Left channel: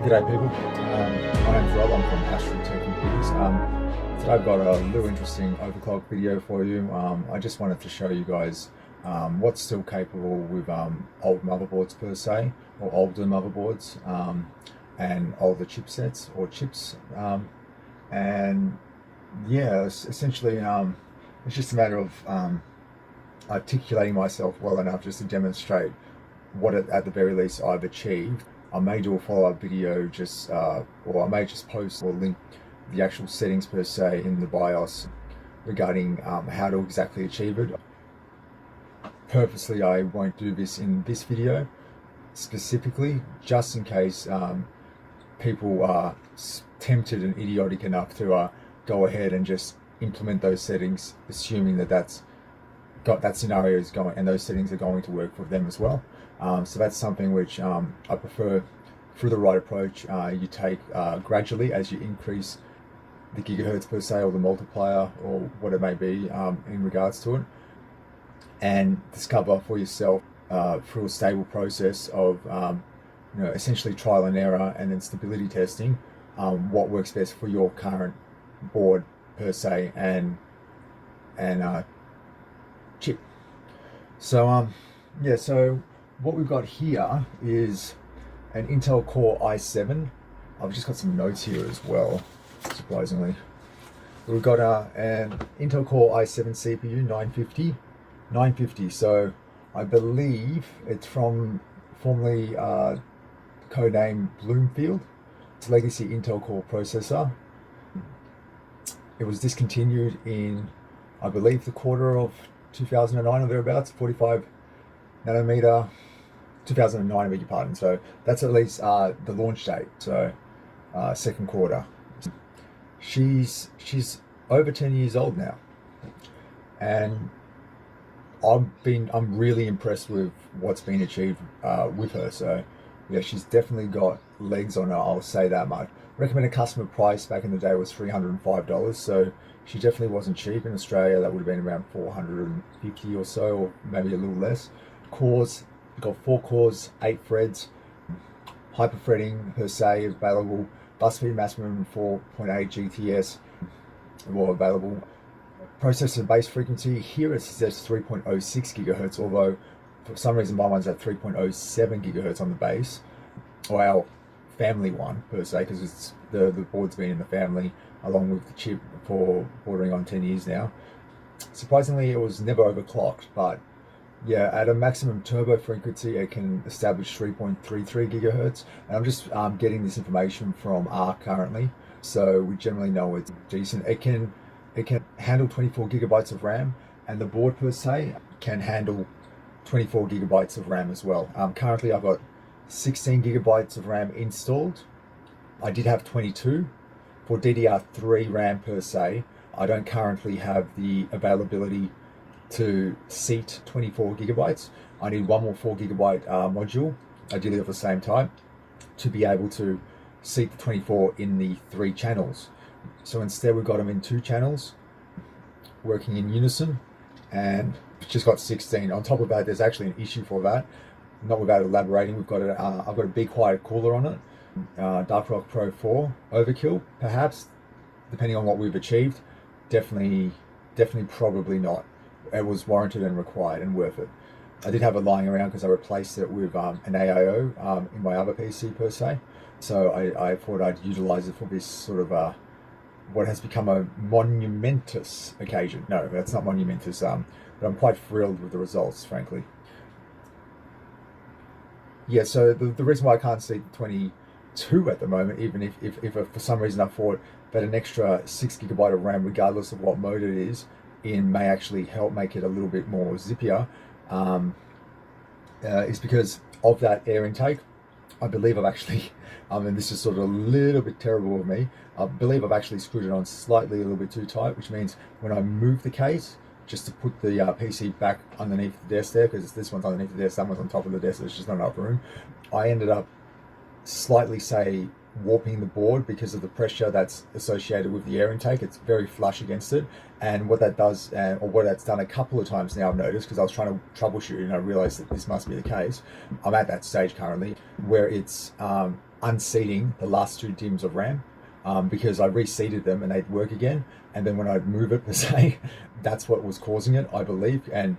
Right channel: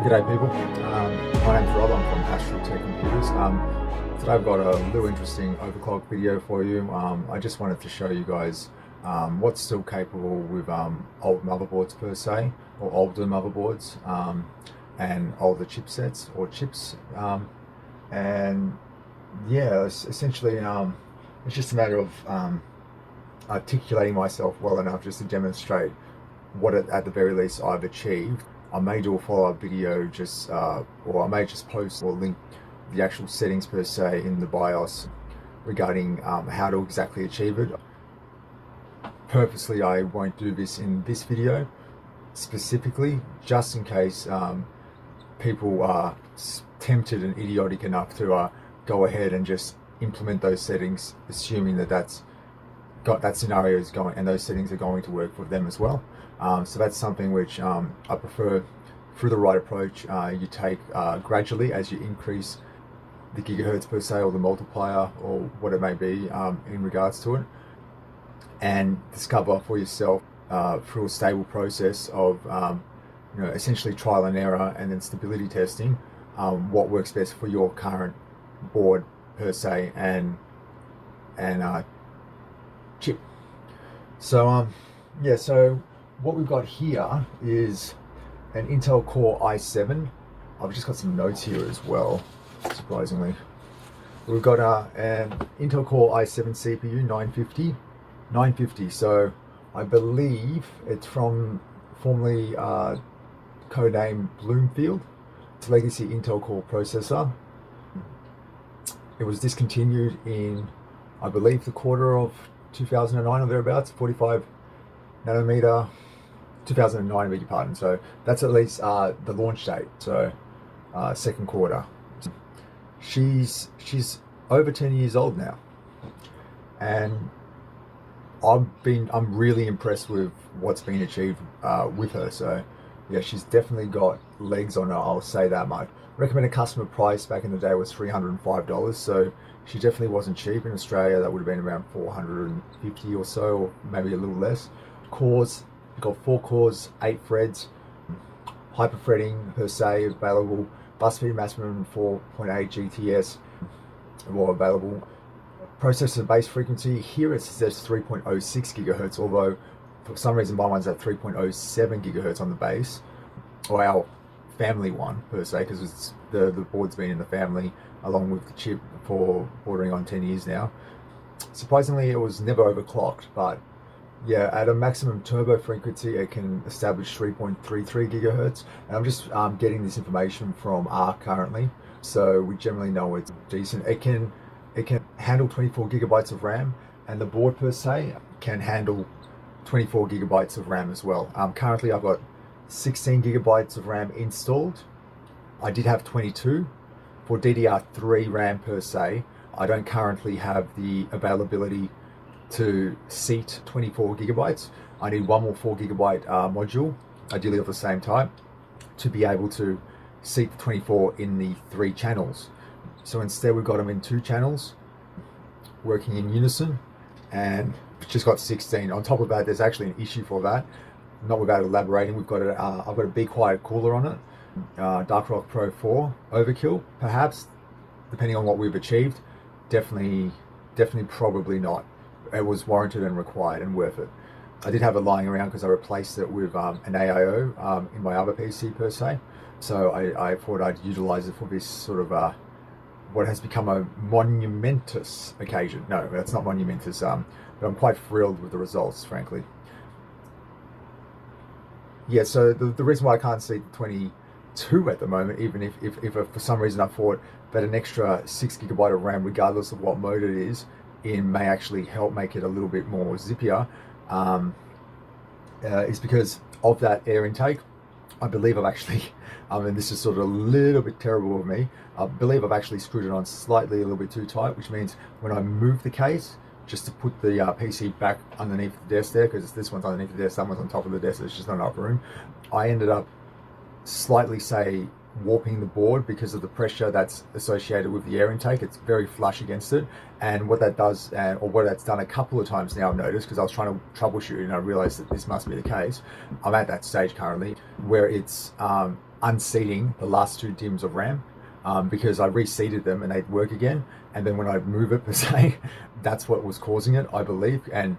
G'day people, my name's Rob, I'm from AstralTek Computers. Today I've got a little interesting overclock video for you. I just wanted to show you guys what's still capable with old motherboards per se, or older motherboards, and older chipsets or chips. And yeah, essentially it's just a matter of articulating myself well enough just to demonstrate what at the very least I've achieved. I may do a follow-up video or I may just post or link the actual settings per se in the BIOS regarding how to exactly achieve it. Purposely I won't do this in this video specifically, just in case people are tempted and idiotic enough to go ahead and just implement those settings, assuming that that scenario is going and those settings are going to work for them as well. So that's something which I prefer. Through the right approach, you take gradually as you increase the gigahertz per se, or the multiplier, or what it may be in regards to it, and discover for yourself through a stable process of essentially trial and error and then stability testing what works best for your current board per se and chip. So yeah, so what we've got here is an Intel Core i7. I've just got some notes here as well, surprisingly. We've got an Intel Core i7 CPU 950. So I believe it's from formerly codename Bloomfield. It's a legacy Intel Core processor. It was discontinued in, I believe, the quarter of 2009 or thereabouts, 45 nanometer, 2009, I beg your pardon. So that's at least the launch date, so second quarter. She's over 10 years old now, and I'm really impressed with what's been achieved with her. So yeah, she's definitely got legs on her, I'll say that much. Recommended customer price back in the day was $305, so she definitely wasn't cheap. In Australia that would have been around 450 or so, or maybe a little less. Cores, you've got 4 cores, 8 threads, hyperthreading per se available, bus speed maximum 4.8 GTS more available. Processor base frequency here it says 3.06 gigahertz, although for some reason my one's at 3.07 gigahertz on the base, or our family one per se, because it's the board's been in the family along with the chip for bordering on 10 years now. Surprisingly, it was never overclocked, but yeah, at a maximum turbo frequency it can establish 3.33 gigahertz. And I'm just getting this information from ARC currently, so we generally know it's decent. It can handle 24 gigabytes of RAM, and the board per se can handle 24 gigabytes of RAM as well. Currently I've got 16 gigabytes of RAM installed. I did have 22 for DDR3 RAM per se. I don't currently have the availability to seat 24 gigabytes. I need one more 4 gigabyte module, ideally at the same time, to be able to seat the 24 in the 3 channels. So instead we've got them in 2 channels working in unison, and just got 16. On top of that, there's actually an issue for that, not without elaborating. We've got I've got a Be Quiet cooler on it, Dark Rock Pro 4 overkill perhaps, depending on what we've achieved. Definitely probably not. It was warranted and required and worth it. I did have it lying around because I replaced it with an AIO in my other PC per se, so I thought I'd utilize it for this sort of what has become a monumentous occasion. No, that's not monumentous, but I'm quite thrilled with the results, frankly. Yeah, so the reason why I can't see 22 at the moment, even if for some reason I thought that an extra 6 gigabyte of RAM, regardless of what mode it is in, may actually help make it a little bit more zippier, is because of that air intake. I believe I've actually, and this is sort of a little bit terrible of me, I believe I've actually screwed it on slightly a little bit too tight, which means when I move the case, just to put the PC back underneath the desk there, because this one's underneath the desk, that one's on top of the desk, there's just not enough room. I ended up slightly, say, warping the board because of the pressure that's associated with the air intake. It's very flush against it, and what that does, or what that's done a couple of times now, I've noticed, because I was trying to troubleshoot and I realized that this must be the case. I'm at that stage currently where it's unseating the last 2 DIMMs of RAM because I reseated them and they'd work again. And then when I move it per se, that's what was causing it, I believe. And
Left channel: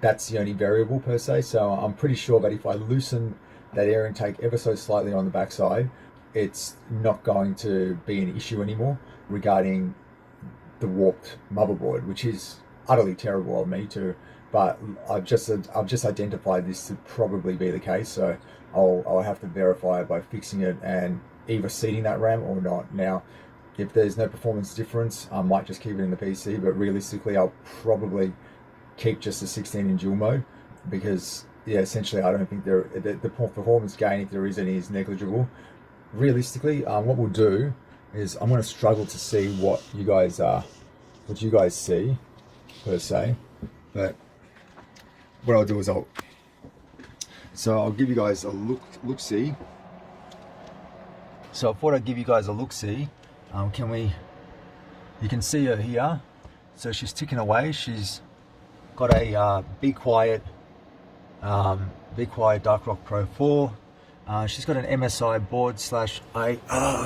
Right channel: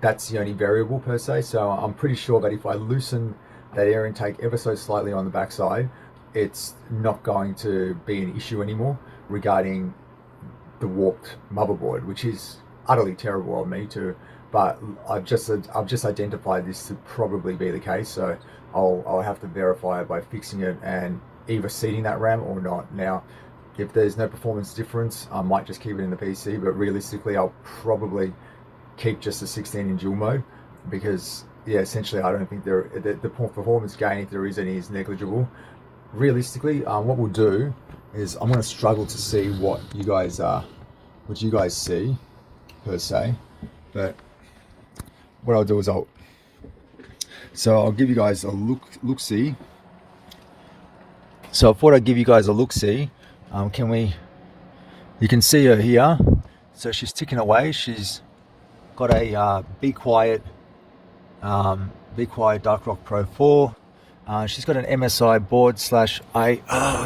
that's the only variable per se. So I'm pretty sure that if I loosen that air intake ever so slightly on the backside, it's not going to be an issue anymore regarding the warped motherboard, which is utterly terrible of me too. But I've just identified this to probably be the case. So I'll have to verify it by fixing it and either seating that RAM or not. Now, if there's no performance difference, I might just keep it in the PC, but realistically, I'll probably keep just a 16 in dual mode because, yeah, essentially, I don't think the performance gain, if there is any, is negligible. Realistically, what we'll do is I'm going to struggle to see what you guys see per se, but what I'll do is I'll give you guys a look-see. So I thought I'd give you guys a look-see. You can see her here. So she's ticking away. She's got a Be Quiet Dark Rock Pro 4. She's got an MSI board / I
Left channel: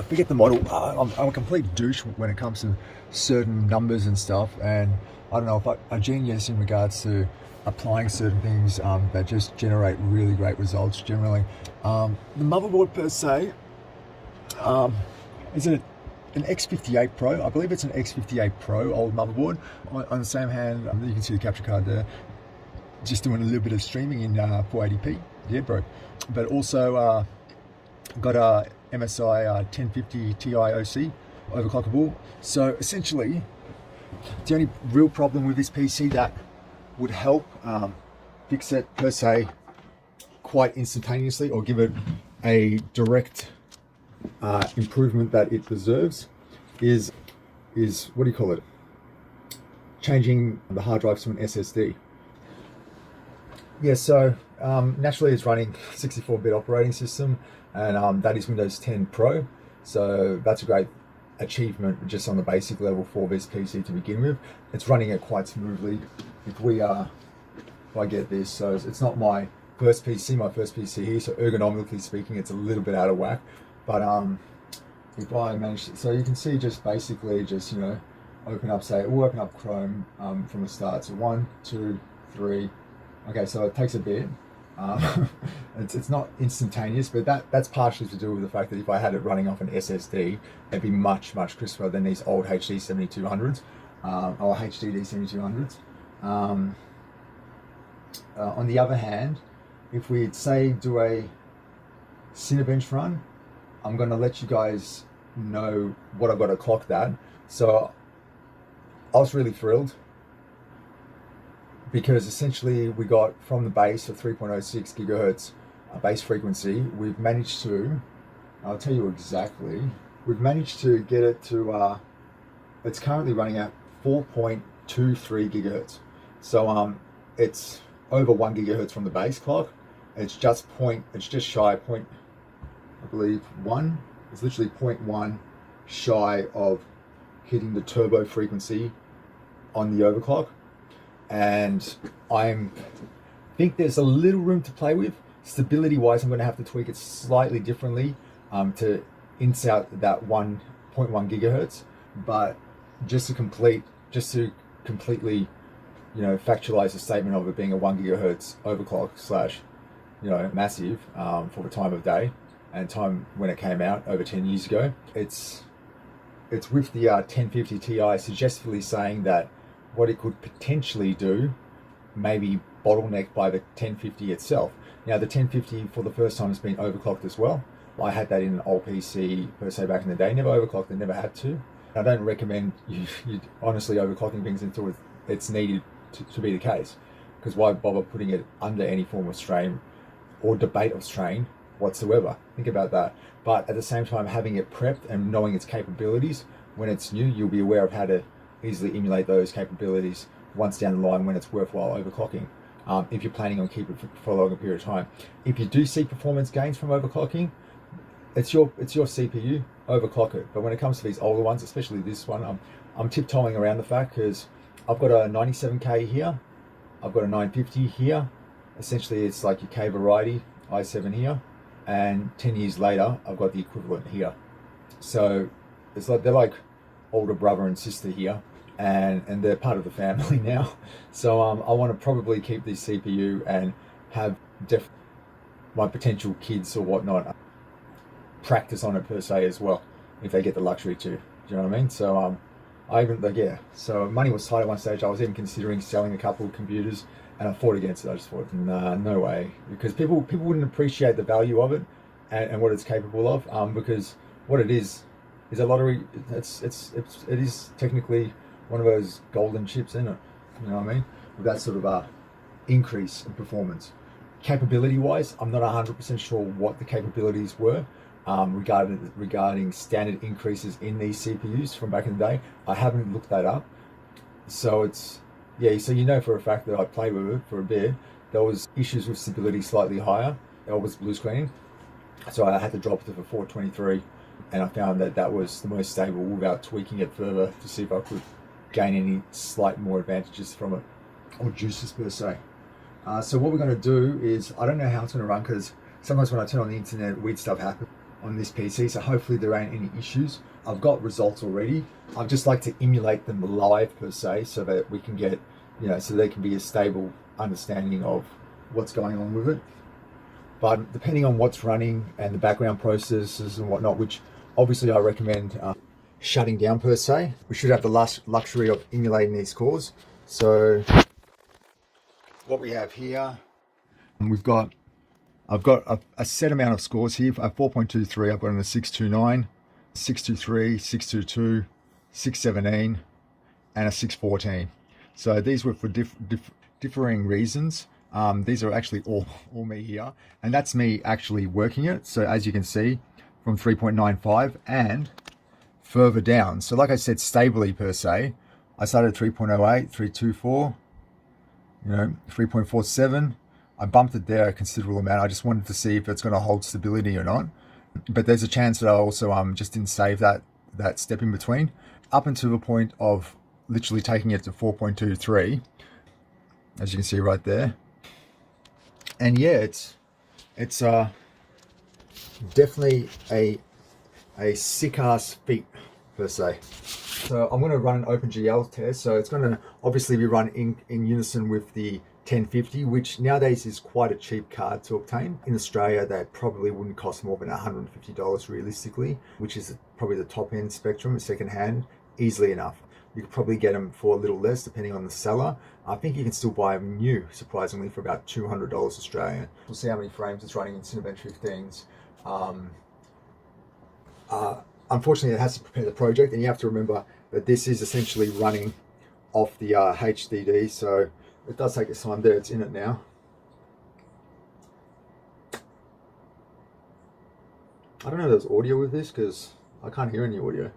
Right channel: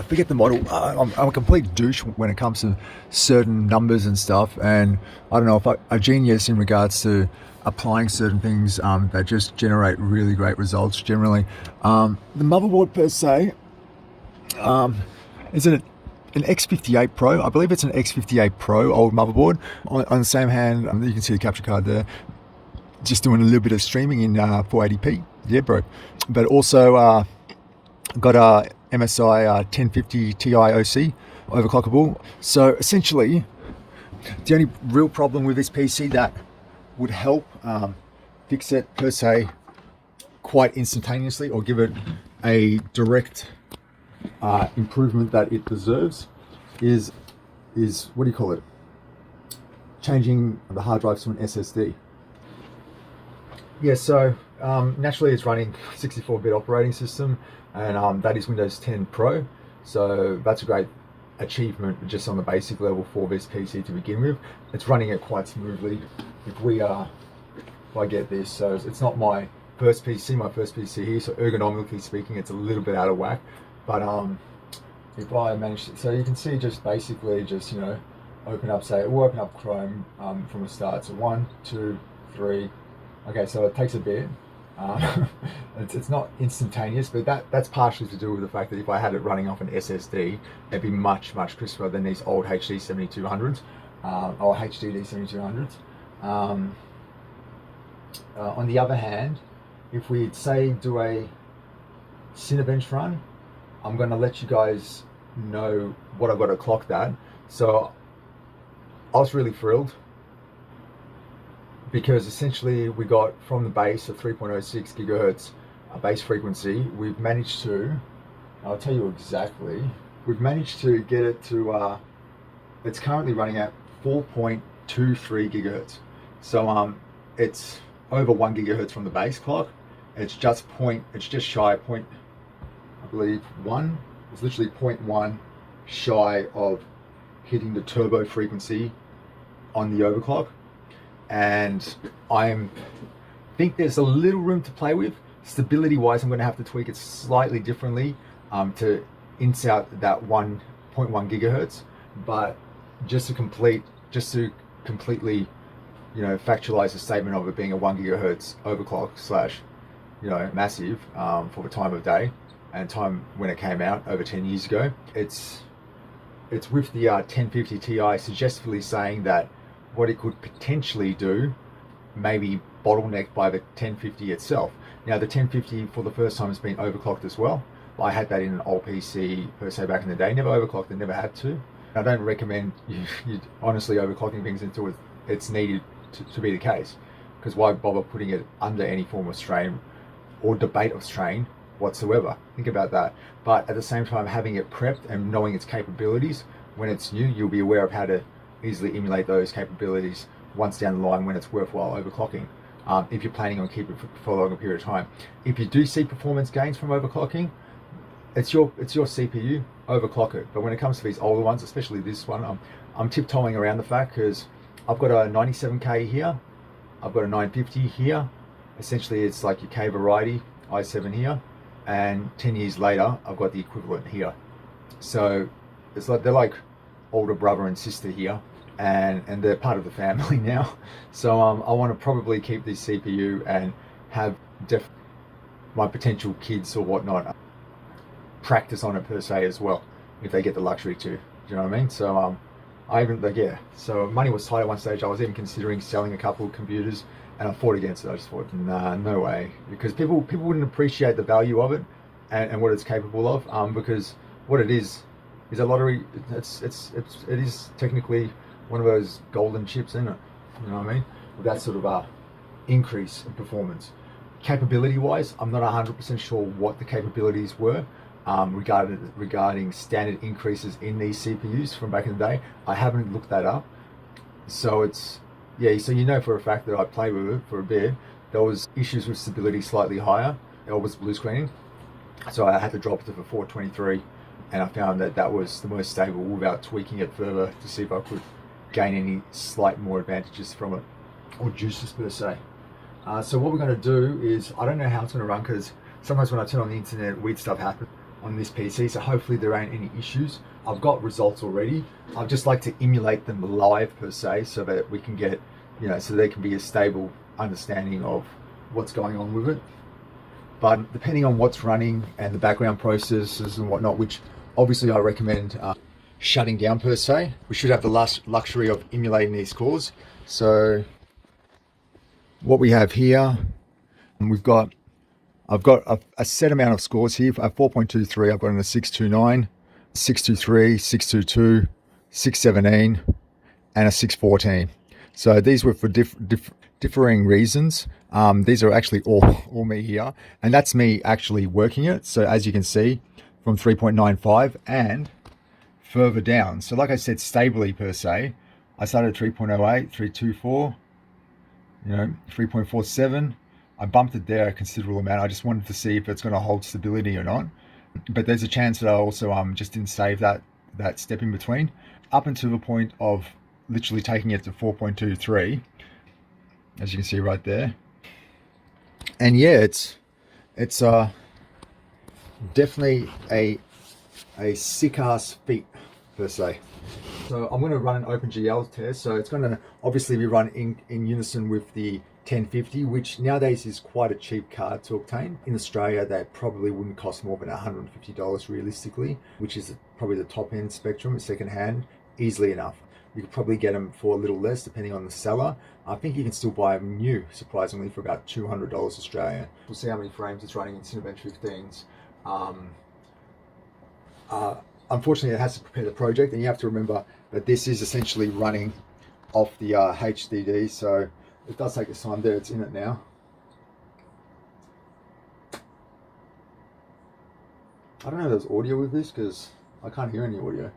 forget the model. I'm a complete douche when it comes to certain numbers and stuff. And I don't know if I'm a genius in regards to applying certain things that just generate really great results generally. The motherboard per se, is it an X58 Pro? I believe it's an X58 Pro old motherboard. On the same hand, you can see the capture card there. Just doing a little bit of streaming in 480p. Yeah, bro. But also got a MSI 1050 Ti OC overclockable. So essentially, the only real problem with this PC that would help fix it per se quite instantaneously or give it a direct improvement that it deserves is what do you call it? Changing the hard drives to an SSD. Yeah, so naturally it's running 64-bit operating system, and that is Windows 10 Pro. So that's a great achievement just on the basic level for this PC to begin with. It's running it quite smoothly. If I get this, so it's not my first PC here, so ergonomically speaking, it's a little bit out of whack. But if I manage, so you can see just basically just, open up Chrome from the start. So 1, 2, 3. Okay, so it takes a bit. It's not instantaneous, but that's partially to do with the fact that if I had it running off an SSD, it'd be much crisper than these old HD 7200s or HDD 7200s. On the other hand, if we'd say do a Cinebench Run, I'm going to let you guys know what I'm going to clock that. So I was really thrilled because essentially we got from the base of 3.06 gigahertz base frequency, we've managed to, I'll tell you exactly, we've managed to get it to, it's currently running at 4.23 gigahertz. So it's over 1 gigahertz from the base clock. It's just shy of point, I believe 1. It's literally 0.1 shy of hitting the turbo frequency on the overclock. And I think there's a little room to play with. Stability wise, I'm going to have to tweak it slightly differently to inch out that 1.1 gigahertz. But just to completely, factualize the statement of it being a 1 gigahertz overclock / massive for the time of day and time when it came out over 10 years ago. It's with the 1050 Ti suggestively saying that what it could potentially do may be bottlenecked by the 1050 itself. Now the 1050 for the first time has been overclocked as well. I had that in an old PC per se back in the day, never overclocked and never had to. I don't recommend you honestly overclocking things until it's needed to be the case, because why bother putting it under any form of strain or debate of strain whatsoever? Think about that. But at the same time, having it prepped and knowing its capabilities, when it's new, you'll be aware of how to easily emulate those capabilities once down the line when it's worthwhile overclocking, if you're planning on keeping it for a longer period of time. If you do see performance gains from overclocking, it's your CPU, overclock it. But when it comes to these older ones, especially this one, I'm tiptoeing around the fact because I've got a 97K here, I've got a 950 here. Essentially it's like your K variety i7 here, and 10 years later, I've got the equivalent here. So it's like they're like older brother and sister here, and they're part of the family now. So I want to probably keep this CPU and have my potential kids or whatnot practice on it per se as well, if they get the luxury to. Do you know what I mean? So I even like, yeah. So money was tight at one stage. I was even considering selling a couple of computers, and I fought against it. I just thought, nah, no way, because people wouldn't appreciate the value of it and what it's capable of. Because what it is a lottery. It is technically one of those golden chips, isn't it? You know what I mean? With that sort of increase in performance. Capability wise, I'm not 100% sure what the capabilities were regarding standard increases in these CPUs from back in the day. I haven't looked that up. So it's, yeah, so you know for a fact that I played with it for a bit. There was issues with stability slightly higher. It was blue screening. So I had to drop it to the 423, and I found that that was the most stable without tweaking it further to see if I could gain any slight more advantages from it, or juices per se. So what we're going to do is, I don't know how it's going to run, because sometimes when I turn on the internet, weird stuff happens on this PC, so hopefully there ain't any issues. I've got results already. I'd just like to emulate them live per se, so that we can get, you know, so there can be a stable understanding of what's going on with it. But depending on what's running and the background processes and whatnot, which obviously I recommend shutting down per se, we should have the luxury of emulating these cores. So what we have here, I've got a set amount of scores here. At 4.23, I've got in a 629, 623, 622, 617, and a 614. So these were for differing reasons. These are actually all me here, and that's me actually working it. So as you can see, from 3.95 and further down. So like I said, stably per se, I started at 3.08, 3.24, 3.47. I bumped it there a considerable amount. I just wanted to see if it's going to hold stability or not. But there's a chance that I also just didn't save that step in between, up until the point of literally taking it to 4.23, as you can see right there. And yeah, it's definitely a sick ass feat per se. So I'm going to run an OpenGL test. So it's going to obviously be run in unison with the 1050, which nowadays is quite a cheap card to obtain. In Australia, that probably wouldn't cost more than $150 realistically, which is probably the top end spectrum, second hand, easily enough. You could probably get them for a little less depending on the seller. I think you can still buy them new, surprisingly, for about $200 Australian. We'll see how many frames it's running in Cinebench 15s. Unfortunately, it has to prepare the project, and you have to remember that this is essentially running off the HDD, so it does take its time. There, it's in it now. I don't know if there's audio with this, because I can't hear any audio.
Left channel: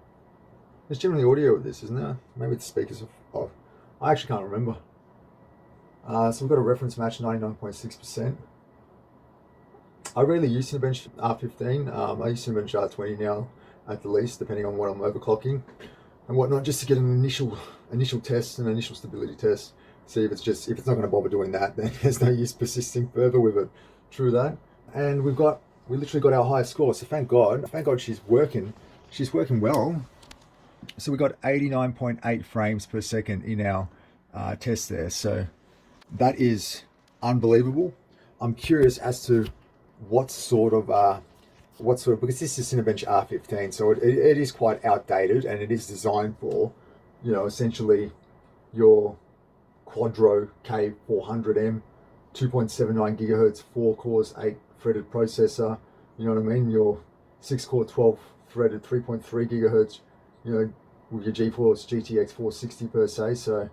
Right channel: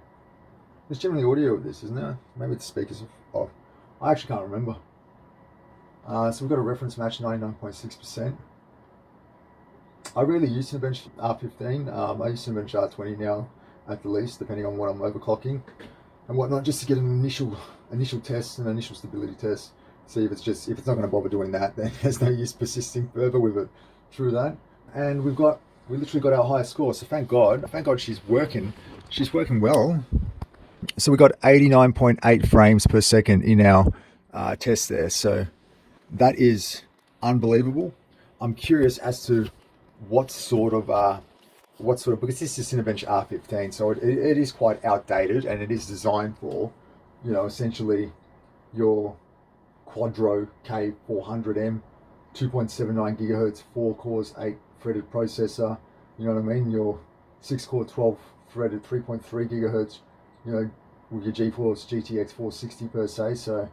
There's generally audio with this, isn't there? Maybe the speakers are off. I actually can't remember. So we've got a reference match, 99.6%. I rarely use Cinebench R15. I use Cinebench R20 now, at the least, depending on what I'm overclocking and whatnot, just to get an initial test, an initial stability test. See if it's not going to bother doing that, then there's no use persisting further with it. True that. And we literally got our highest score. So thank God she's working. She's working well. So we got 89.8 frames per second in our test there. So that is unbelievable. I'm curious as to what sort of because this is Cinebench R15, so it is quite outdated, and it is designed for, essentially your Quadro K400M, 2.79 gigahertz, 4 cores, 8 threaded processor. You know what I mean? Your 6 core, 12 threaded, 3.3 gigahertz. With your GeForce GTX 460 per se. So,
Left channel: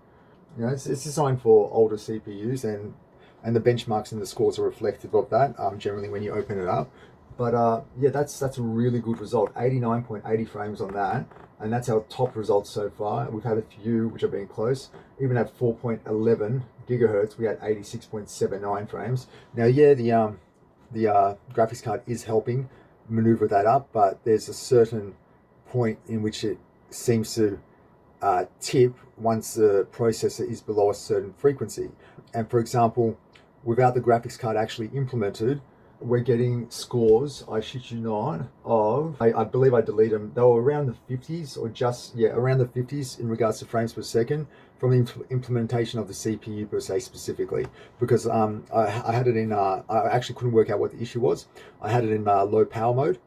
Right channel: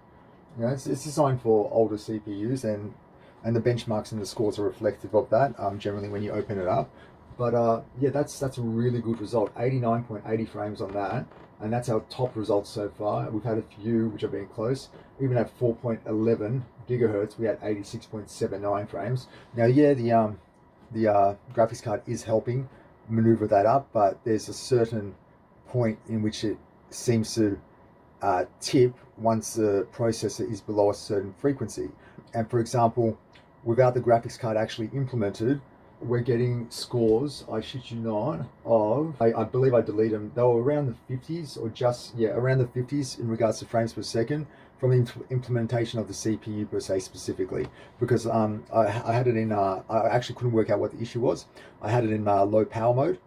it's designed for older CPUs, and the benchmarks and the scores are reflective of that. Generally, when you open it up. But yeah, that's a really good result. 89.80 frames on that, and that's our top result so far. And we've had a few which have been close. Even at 4.11 gigahertz, we had 86.79 frames. Now, yeah, the graphics card is helping maneuver that up, but there's a certain point in which it seems to tip once the processor is below a certain frequency. And for example, without the graphics card actually implemented, we're getting scores, I shit you not, of, I believe I deleted them, they were around the 50s or just, yeah, around the 50s in regards to frames per second from the implementation of the CPU per se specifically, because I had it in, I actually couldn't work out what the issue was. I had it in low power mode,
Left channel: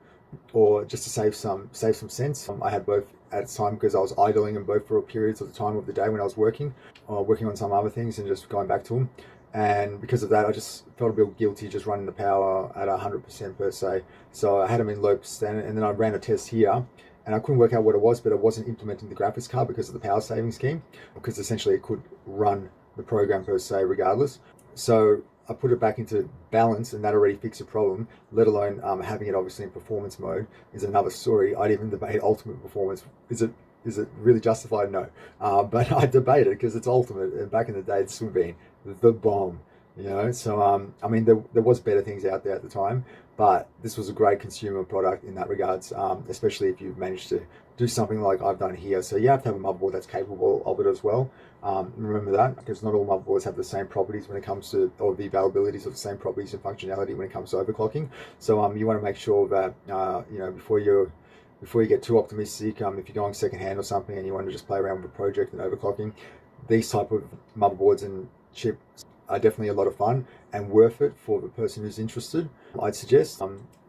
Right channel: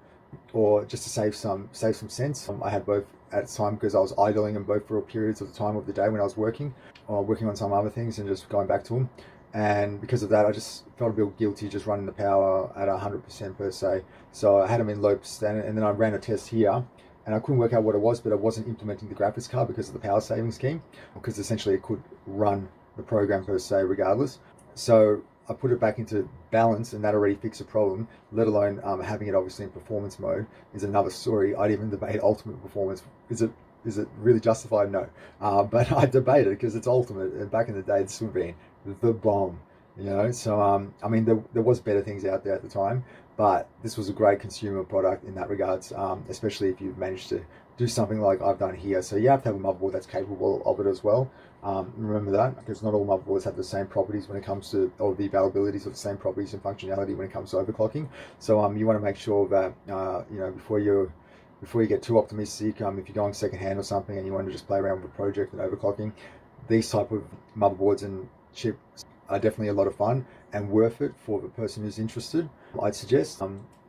or just to save some sense. I had both at the time because I was idling them both for periods of the time of the day when I was working on some other things and just going back to them. And because of that, I just felt a bit guilty just running the power at 100% per se. So I had them in low percent, and then I ran a test here, and I couldn't work out what it was, but I wasn't implementing the graphics card because of the power saving scheme, because essentially it could run the program per se regardless. So I put it back into balance, and that already fixed the problem, let alone having it obviously in performance mode is another story. I'd even debate ultimate performance. Is it really justified? No. But I debated it because it's ultimate. Back in the day, it's still been the bomb, you know. So I mean, there was better things out there at the time, but this was a great consumer product in that regards, especially if you've managed to do something like I've done here. So you have to have a motherboard that's capable of it as well. Remember that, because not all motherboards have the same properties when it comes to, or the availabilities of the same properties and functionality when it comes to overclocking. So you want to make sure that you know, before you get too optimistic, if you're going secondhand or something and you want to just play around with a project and overclocking, these type of motherboards and chips are definitely a lot of fun and worth it for the person who's interested. I'd suggest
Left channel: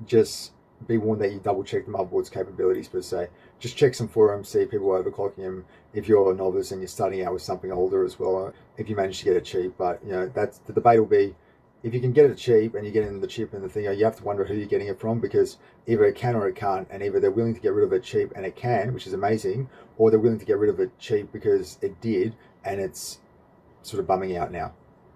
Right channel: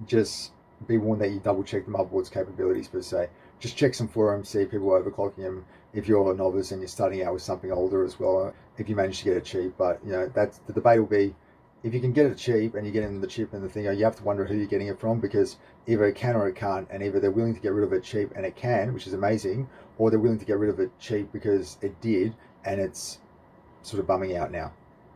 just be warned that you double check the motherboard's capabilities per se. Just check some forums, see people overclocking them. If you're a novice and you're starting out with something older as well, if you manage to get it cheap. But you know, that's the debate will be, if you can get it cheap and you're getting the chip and the thing, you have to wonder who you're getting it from, because either it can or it can't, and either they're willing to get rid of it cheap and it can, which is amazing, or they're willing to get rid of it cheap because it did and it's sort of bumming out now.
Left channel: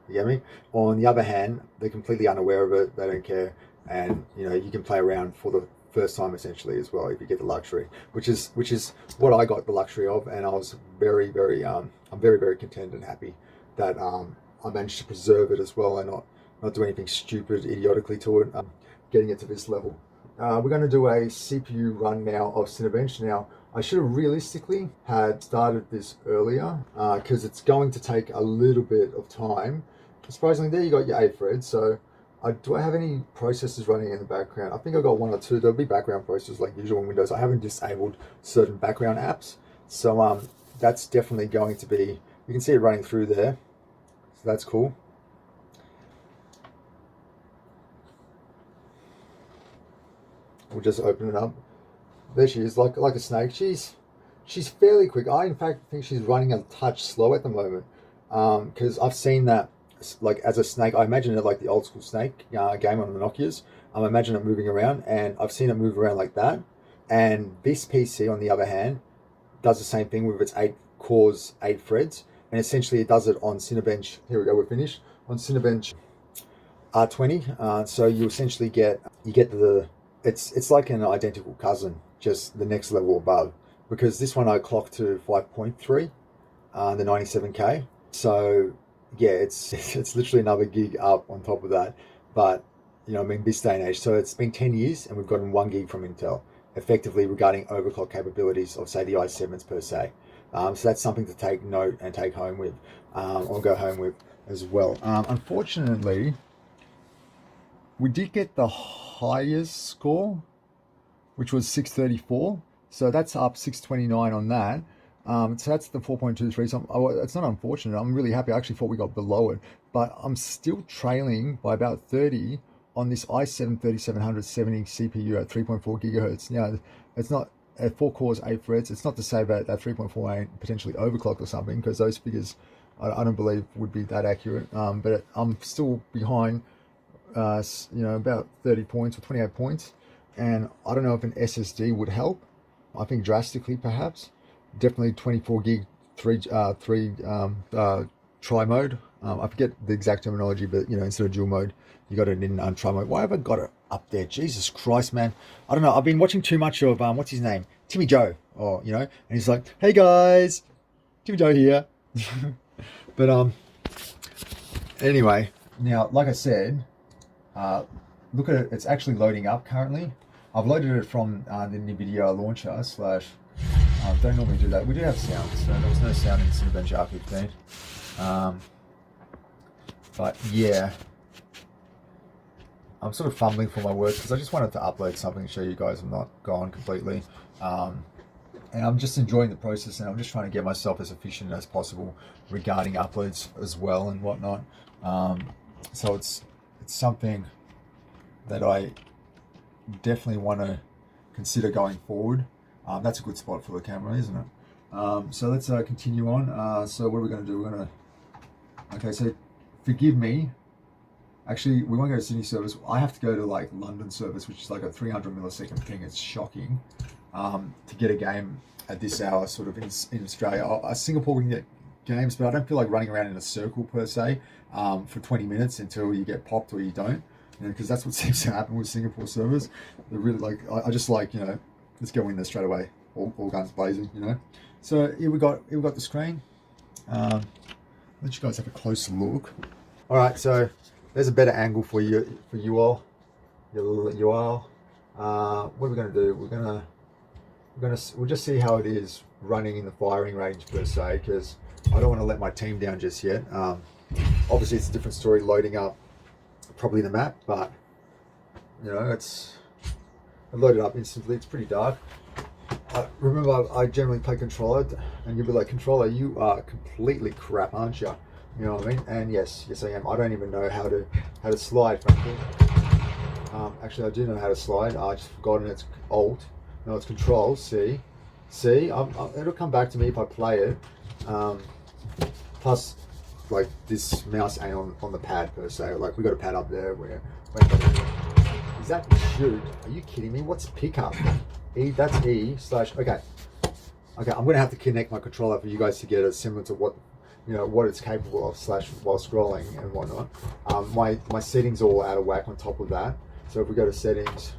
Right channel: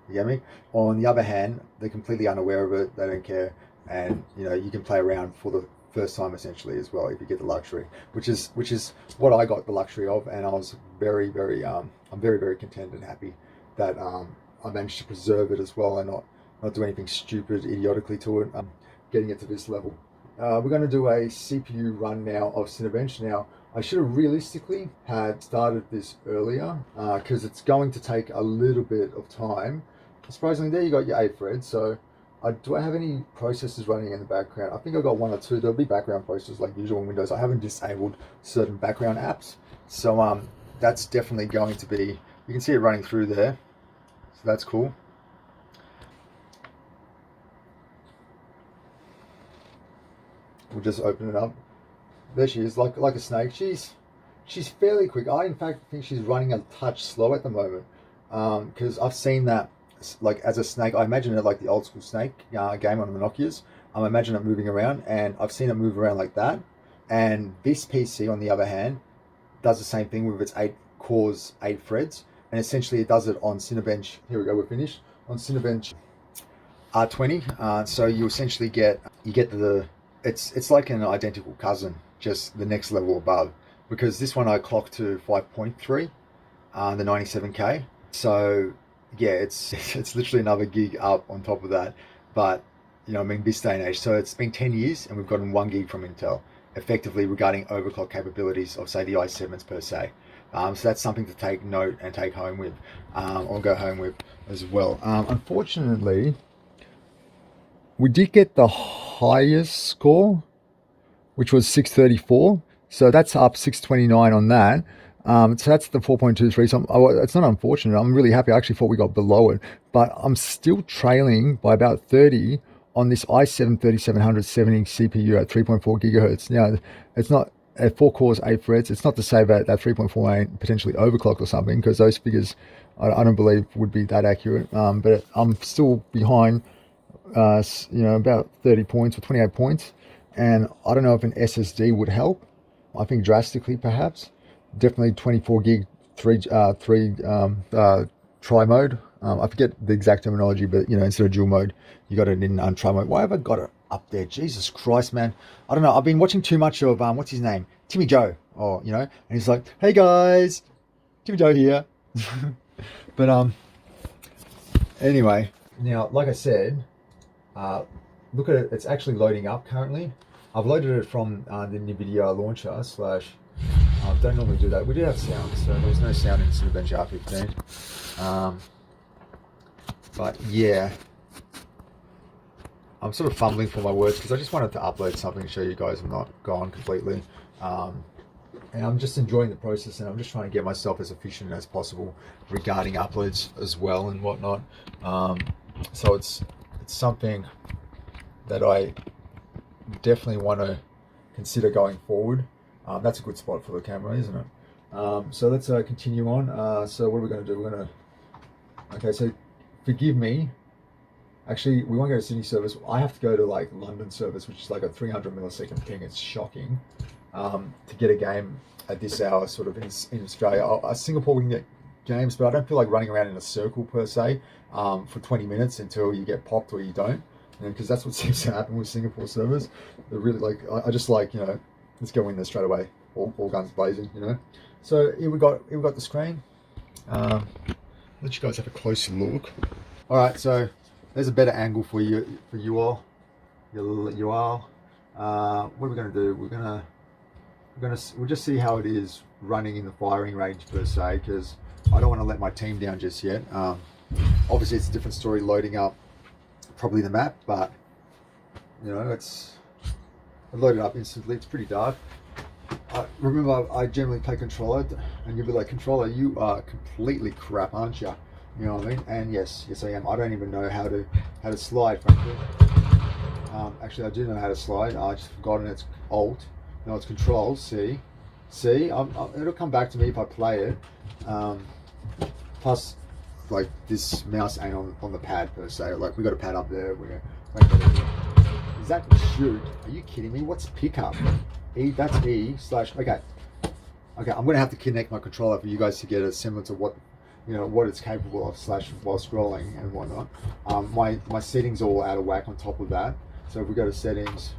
You get me? On the other hand, they're completely unaware of it, they don't care, and you know, you can play around for the first time essentially as well if you get the luxury, which is what I got the luxury of, and I was very I'm very content and happy that I managed to preserve it as well and not do anything stupid idiotically to it, getting it to this level. We're going to do a CPU run now of Cinebench. Now I should have realistically had started this earlier because it's going to take a little bit of time. Surprisingly, there you got your 8 threads. So do I have any processes running in the background? I think I've got 1 or 2. There'll be background processes like usual in Windows. I haven't disabled certain background apps. So that's definitely going to be, you can see it running through there. So that's cool. We'll just open it up. There she is, like a snake. She's fairly quick. I in fact think she's running a touch slow at the moment, because I've seen that like as a snake. I imagine it like the old school snake game on the Nokias. I imagine it moving around, and I've seen it move around like that. And this PC, on the other hand, does the same thing with its 8 cores, 8 threads, and essentially it does it on Cinebench. Here we go, we're finished on Cinebench R20. So you essentially get the, it's like an identical cousin, just the next level above, because this one I clocked to 5.3, the 97K. So yeah, it's literally another gig up on top of that. But you know, I mean, this day and age, so it's been 10 years and we've gotten 1 gig from Intel, effectively regarding overclock capabilities of say the i7s per se. So that's something to take note and take home with, or go home with as well. Unfortunately, we did get the highest score, which was 634. So that's up 629 on that. So that's the 4.23. So it's not unfortunate. I'm really happy. I actually thought we got below it, but I'm still trailing by about 30 on this i7 3770 CPU at 3.4 gigahertz. Now, it's not at 4 cores, 8 threads. It's not to say that 3.4 ain't potentially overclocked or something, because those figures I don't believe would be that accurate. But I'm still behind, you know, about 30 points or 28 points. And I don't know if an SSD would help. I think drastically, perhaps. Definitely 24 gig, tri mode. I forget the exact terminology, but you know, instead of dual mode, you got it in tri mode. Why have I got it up there? Jesus Christ, man! I don't know. I've been watching too much of what's his name, Timmy Joe, or you know, and he's like, "Hey guys, Timmy Joe here." But anyway, now like I said, look at it. It's actually loading up currently. I've loaded it from the NVIDIA launcher slash. Don't normally do that. We do have sound, so there was no sound in Cinebench R15. But yeah, I'm sort of fumbling for my words because I just wanted to upload something to show you guys I'm not gone completely. And I'm just enjoying the process, and I'm just trying to get myself as efficient as possible regarding uploads as well and whatnot. So it's something that I definitely want to consider going forward. That's a good spot for the camera, isn't it? So let's continue on. So what are we going to do? We're going to, okay, so forgive me. Actually, we won't go to Sydney service. I have to go to like London service, which is like a 300 millisecond thing. It's shocking. To get a game at this hour, sort of in Australia. Singapore we can get games, but I don't feel like running around in a circle per se for 20 minutes until you get popped or you don't, because that's what seems to happen with Singapore servers. They're really like, I just like, let's go in there straight away, all guns blazing, So here we got the screen. Let you guys have a closer look. All right, so there's a better angle for you all. You all. What are we going to do? We'll just see how it is running in the firing range per se, because I don't want to let my team down just yet. Obviously it's a different story loading up probably the map, but it's loaded up instantly. It's pretty dark. Remember, I generally play controller, and you'll be like, controller, you are completely crap, aren't you? You know what I mean? And yes I am. I don't even know how to slide, frankly. Actually, I do know how to slide. I just forgotten it's Alt. No, it's Control. See, it'll come back to me if I play it. Plus, like, this mouse ain't on the pad per se. Like, we got a pad up there. Is that shoot? Are you kidding me? What's pickup? E. That's E / Okay. I'm gonna have to connect my controller for you guys to get it similar to what what it's capable of / while scrolling and whatnot. My settings are all out of whack on top of that. So if we go to settings,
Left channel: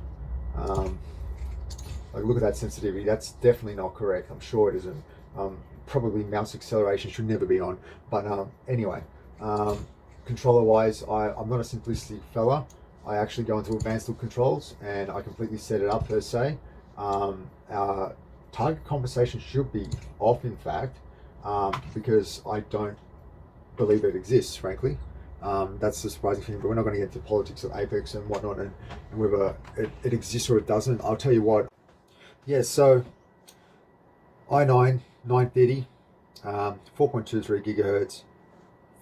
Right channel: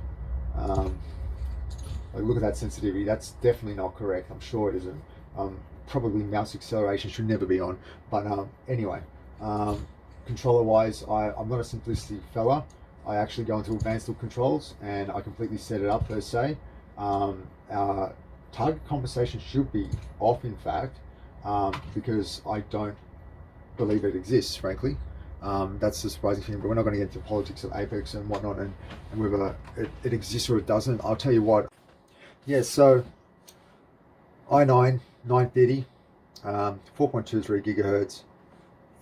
like, look at that sensitivity. That's definitely not correct. I'm sure it isn't. Probably mouse acceleration should never be on. But anyway, controller wise, I'm not a simplistic fella. I actually go into advanced look controls and I completely set it up per se. Our target compensation should be off, in fact, because I don't believe it exists, frankly. That's the surprising thing, but we're not going to get into politics of Apex and whatnot, and whether it exists or it doesn't. I'll tell you what. Yeah, so i9 930, 4.23 gigahertz.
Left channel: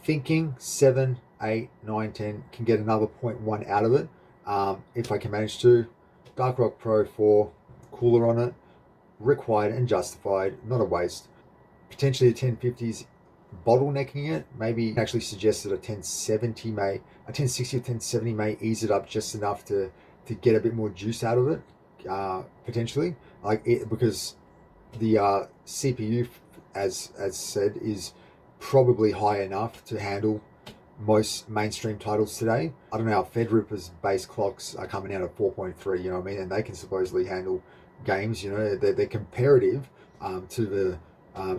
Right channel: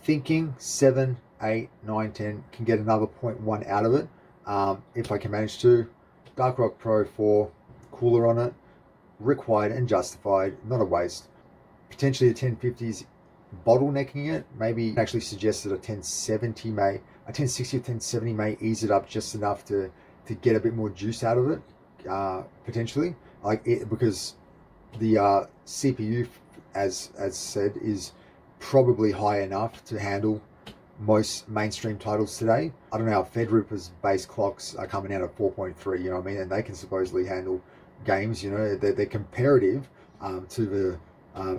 Thinking 7, 8, 9, 10 can get another 0.1 out of it if I can manage to. Dark Rock Pro 4, cooler on it, required and justified, not a waste. Potentially a 1050s bottlenecking it. Maybe actually suggested a 1060 or 1070 may ease it up just enough to get a bit more juice out of it, potentially. Because the CPU, as said, is probably high enough to handle most mainstream titles today. I don't know how Threadripper's base clocks are coming out at 4.3, you know what I mean? And they can supposedly handle games, they're comparative to the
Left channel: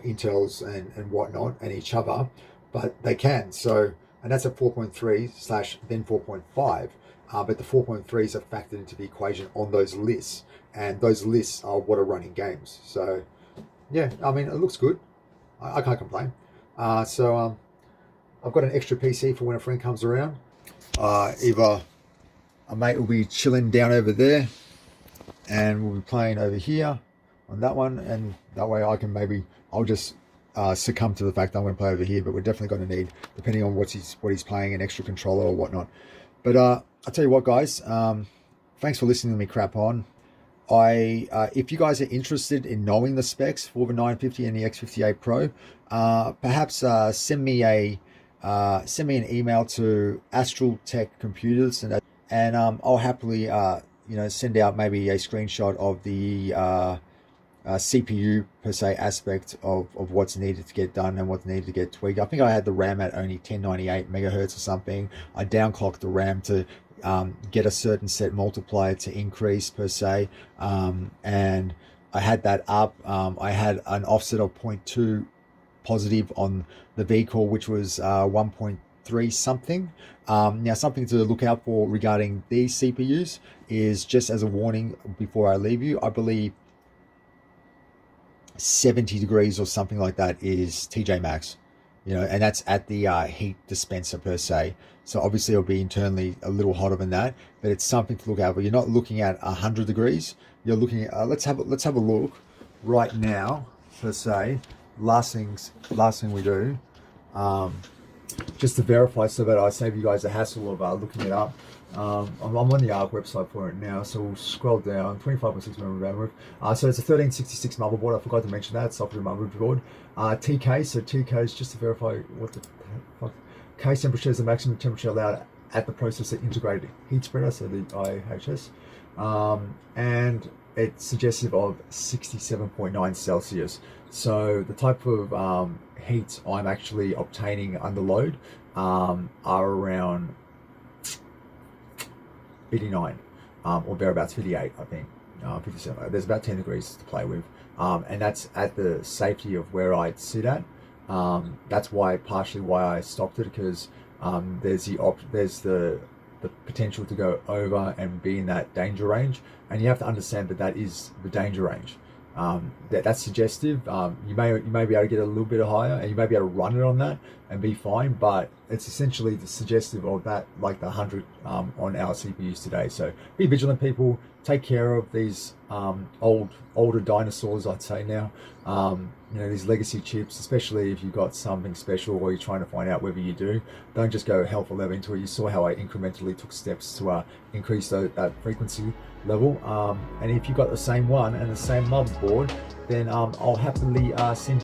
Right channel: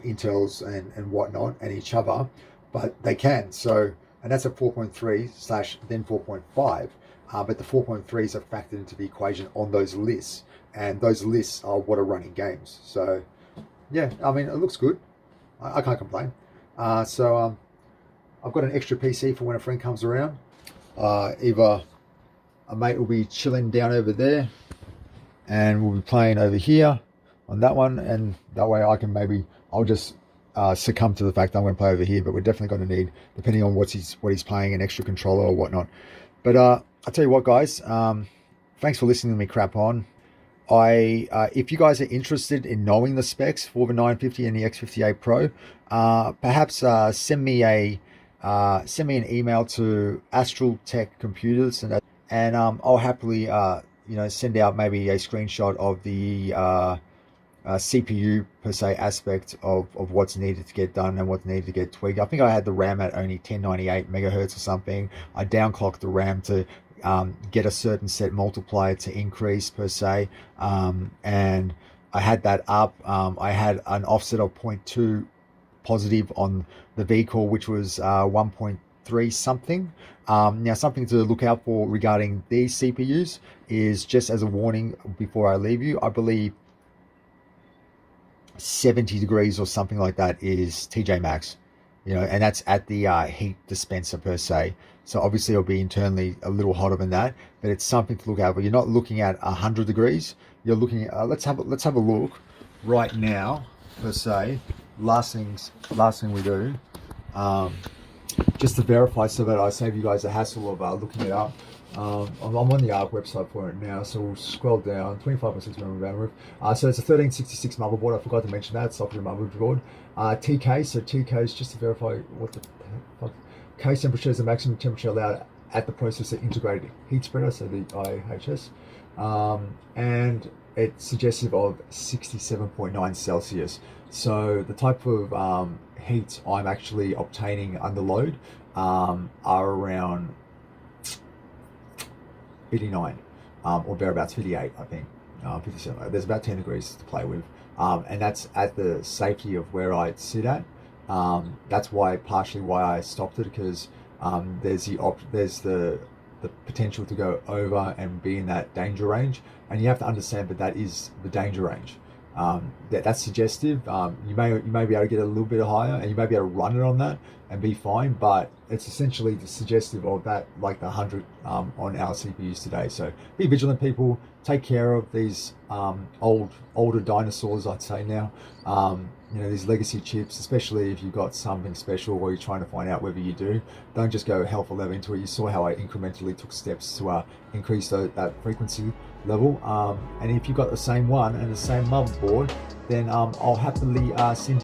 Intels and whatnot and each other, but they can. So, and that's at 4.3 / then 4.5. But the 4.3s are factored into the equation on those lists, and those lists are what are running games. So yeah, I mean, it looks good. I can't complain. So I've got an extra PC for when a friend comes around. Either a mate will be chilling down over there and we'll be playing over here on that one, and that way I'll just succumb to the fact that I'm going to play over here. But we're definitely going to need, depending on what he's playing, an extra controller or whatnot. But I'll tell you what, guys, thanks for listening to me crap on. If you guys are interested in knowing the specs for the 950 and the X58 Pro, perhaps send me an email to AstralTek Computers, and I'll happily send out maybe a screenshot of the CPU per se aspect of what's needed to get done and what's needed to get tweaked. I think I had the RAM at only 1098 megahertz or something. I downclocked the RAM to get a certain set multiplier to increase per se, and I had that up. I had an offset of 0.2 positive on the vehicle, which was 1.3 something. Now, something to look out for regarding these CPUs is, just as a warning before I leave you, I believe 70 degrees or something like that is TJ Maxx. you know, and that's at the heat dispenser per se. So obviously it'll be internally a little hotter than that, but it's something to look at. But you're not looking at 100 degrees. You're looking at, let's have a look right now per se. Last thing we do, just to verify so that I save you guys the hassle of looking it up. I'm on the ARC website for it now, so we'll scroll down. 25.6 memory bandwidth. So it's a 1366 motherboard. I forgot to mention that. Software motherboard. TK, so TK is just to verify what the fuck. Case temperature is the maximum temperature allowed at the processor integrated heat spreader, so the IHS. And it's suggestive of 67.9 Celsius. So the type of heats I'm actually obtaining under load are around 89 or thereabouts, 58 I think, 57. There's about 10 degrees to play with, and that's at the safety of where I sit at. That's why partially why I stopped it, because there's the potential to go over and be in that danger range, and you have to understand that that is the danger range. That's suggestive. You may be able to get a little bit higher, and you may be able to run it on that and be fine, but it's essentially the suggestive of that, like the 100 on our CPUs today. So be vigilant, people. Take care of these older dinosaurs, I'd say now. You know, these legacy chips, especially if you've got something special or you're trying to find out whether you do. Don't just go hell for leather into it. You saw how I incrementally took steps to increase that frequency level. And if you've got the same one and the same motherboard, then I'll happily send